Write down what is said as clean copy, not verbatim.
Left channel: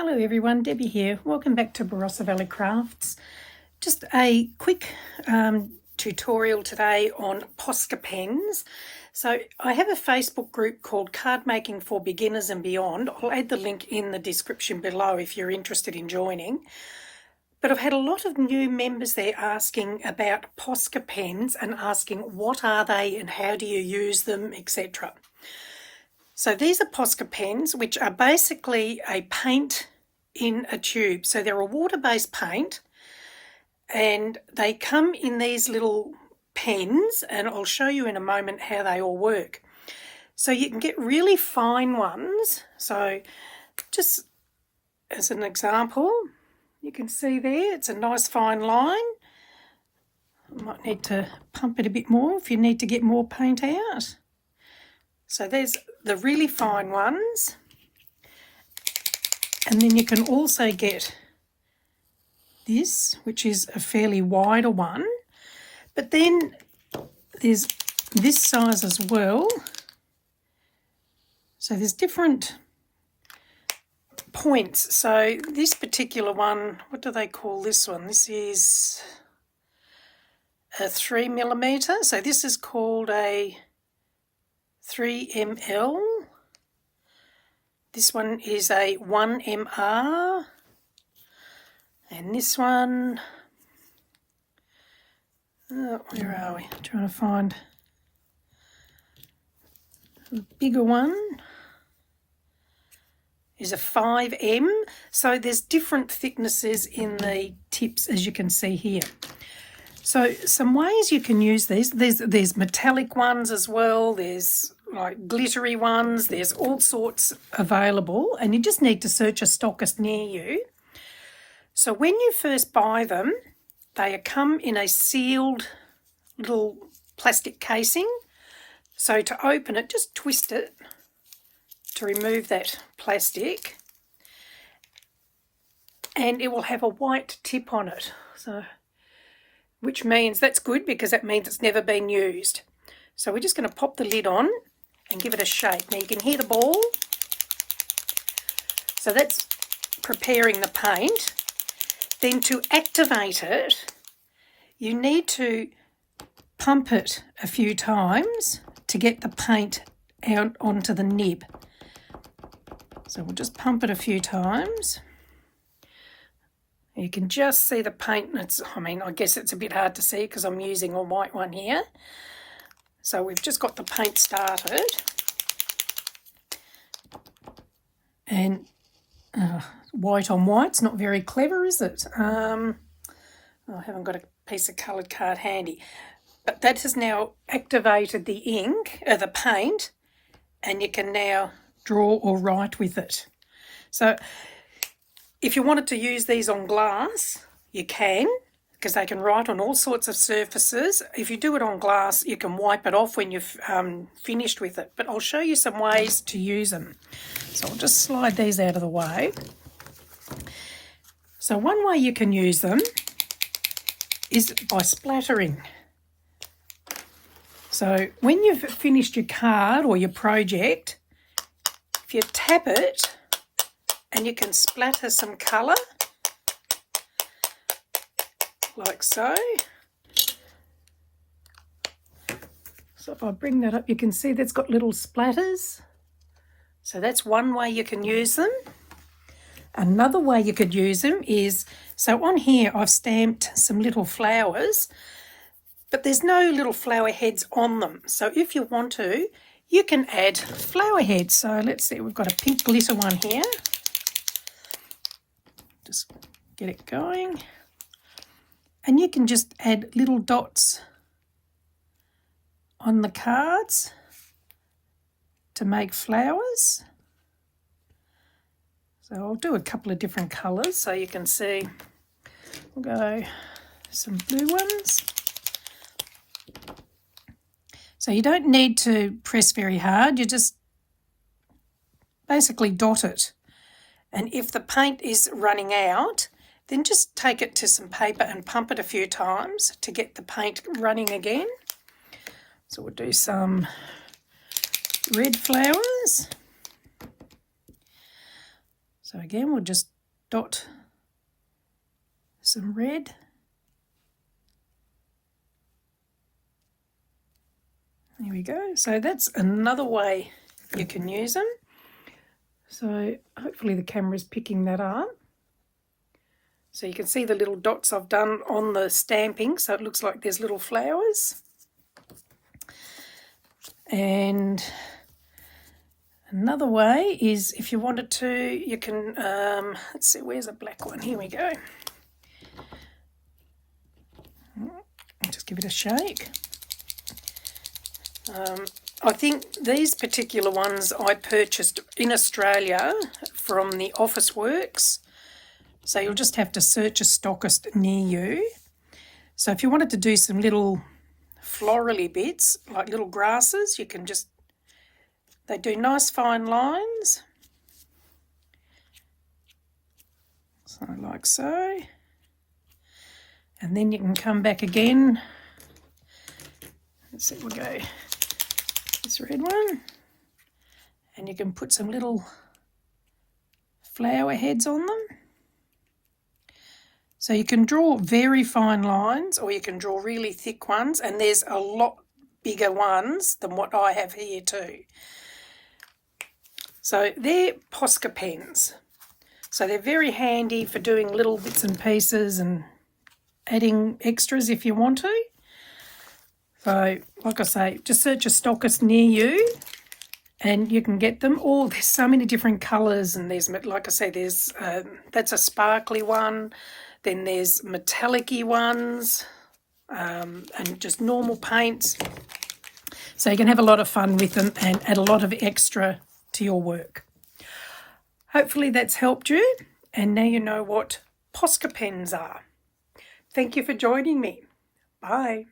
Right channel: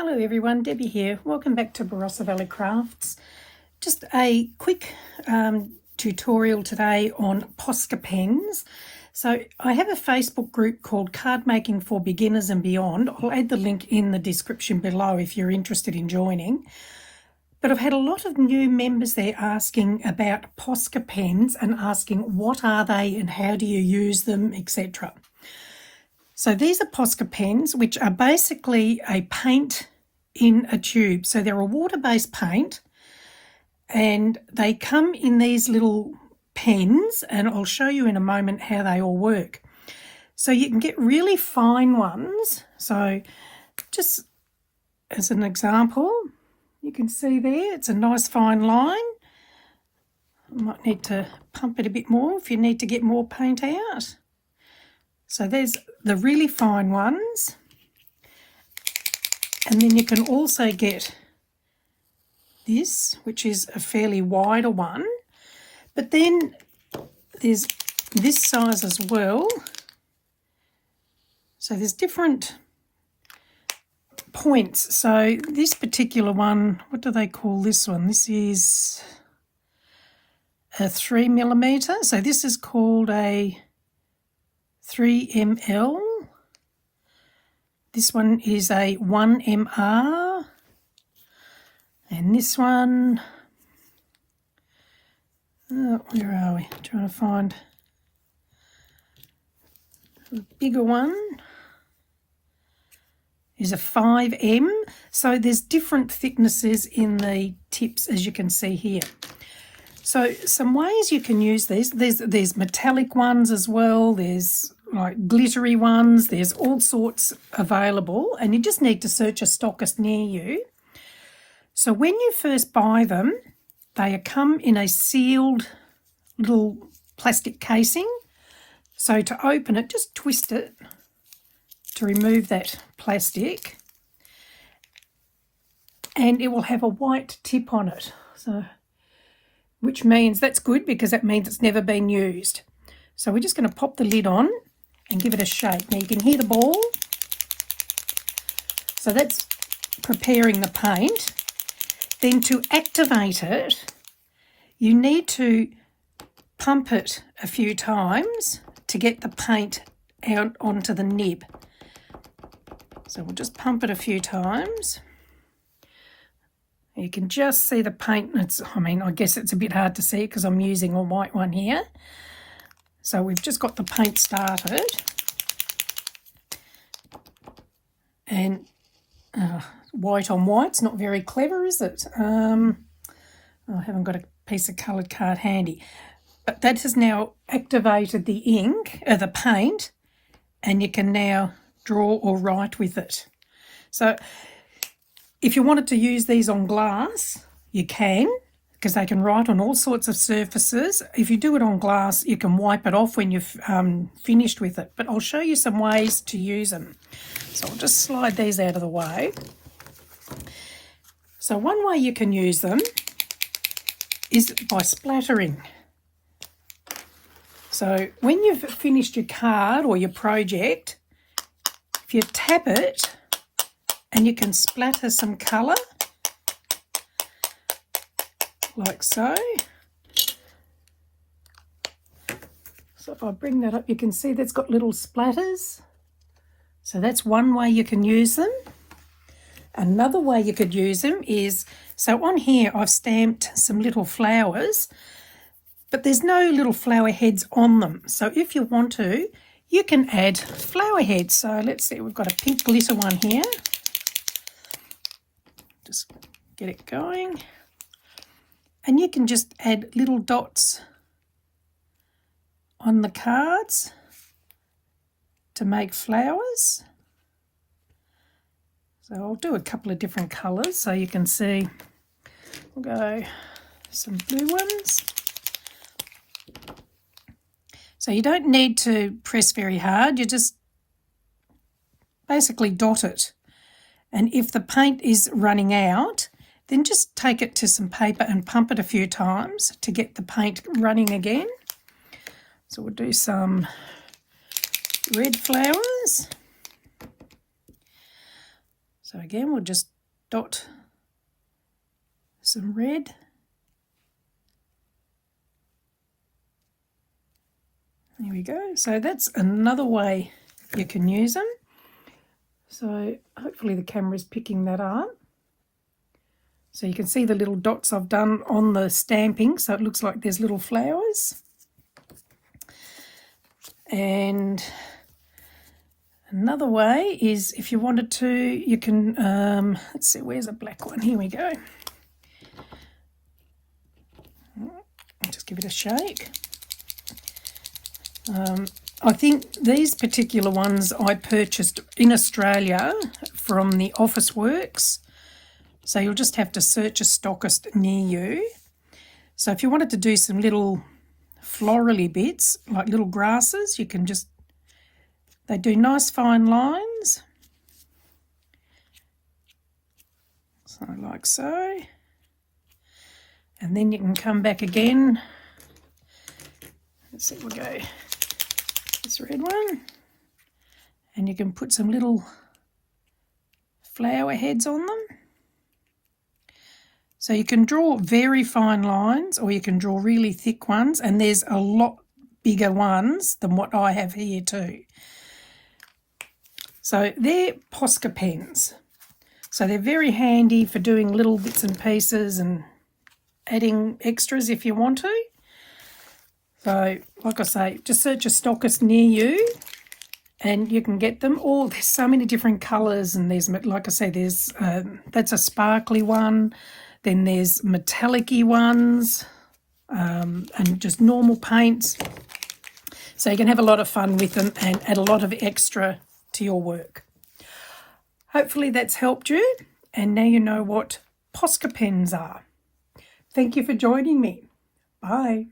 Hello everyone, Debbie here. Welcome back to Barossa Valley Crafts. Just a quick tutorial today on Posca pens. So I have a Facebook group called Cardmaking for Beginners and Beyond. I'll add the link in the description below if you're interested in joining. But I've had a lot of new members there asking about Posca pens and asking what are they and how do you use them, etc. So these are Posca pens, which are basically a paint in a tube. So they're a water-based paint and they come in these little pens, and I'll show you in a moment how they all work. So you can get really fine ones. So just as an example, you can see there, it's a nice fine line. I might need to pump it a bit more if you need to get more paint out. So there's the really fine ones, and then you can also get this, which is a fairly wider one, but then there's this size as well. So there's different points. So this particular one, what do they call this one? This is a 3mm. So this is called a 3ml. This one is a 1mr, and this one, where are we? Trying to find a bigger one, is a 5m. So there's different thicknesses in the tips, as you can see here. So some ways you can use these. There's metallic ones as well. There's like glittery ones. There's all sorts available, and you just need to search a stockist near you. So when you first buy them, they come in a sealed little plastic casing. So to open it, just twist it to remove that plastic, and it will have a white tip on it. So, which means that's good, because that means it's never been used. So we're just going to pop the lid on and give it a shake. Now you can hear the ball. So that's preparing the paint. Then to activate it, you need to pump it a few times to get the paint out onto the nib. So we'll just pump it a few times. You can just see the paint. I guess it's a bit hard to see because I'm using a white one here. So we've just got the paint started. And white on white's not very clever, is it? I haven't got a piece of coloured card handy. But that has now activated the ink, the paint, and you can now draw or write with it. So if you wanted to use these on glass, you can, because they can write on all sorts of surfaces. If you do it on glass, you can wipe it off when you've finished with it. But I'll show you some ways to use them. So I'll just slide these out of the way. So one way you can use them is by splattering. So when you've finished your card or your project, if you tap it, and you can splatter some colour, like so. So if I bring that up, you can see that's got little splatters. So that's one way you can use them. Another way you could use them is, so on here I've stamped some little flowers, but there's no little flower heads on them. So if you want to, you can add flower heads. So let's see, we've got a pink glitter one here. Just get it going. And you can just add little dots on the cards to make flowers. So I'll do a couple of different colours so you can see. We'll go some blue ones. So you don't need to press very hard, you just basically dot it. And if the paint is running out, then just take it to some paper and pump it a few times to get the paint running again. So we'll do some red flowers. So again, we'll just dot some red. There we go. So that's another way you can use them. So hopefully the camera's picking that up. So you can see the little dots I've done on the stamping, so it looks like there's little flowers. And another way is, if you wanted to, you can, let's see, where's a black one? Here we go. I'll just give it a shake. I think these particular ones I purchased in Australia from the Office Works. So you'll just have to search a stockist near you. So if you wanted to do some little florally bits, like little grasses, you can just, they do nice fine lines. So like so. And then you can come back again. Let's see, we'll go this red one. And you can put some little flower heads on them. So you can draw very fine lines, or you can draw really thick ones, and there's a lot bigger ones than what I have here too. So they're Posca pens. So they're very handy for doing little bits and pieces and adding extras if you want to. So like I say, just search a stockist near you and you can get them. Or there's so many different colours, and there's, like I say, there's that's a sparkly one. Then there's metallic-y ones, and just normal paints. So you can have a lot of fun with them and add a lot of extra to your work. Hopefully that's helped you, and now you know what Posca pens are. Thank you for joining me. Bye.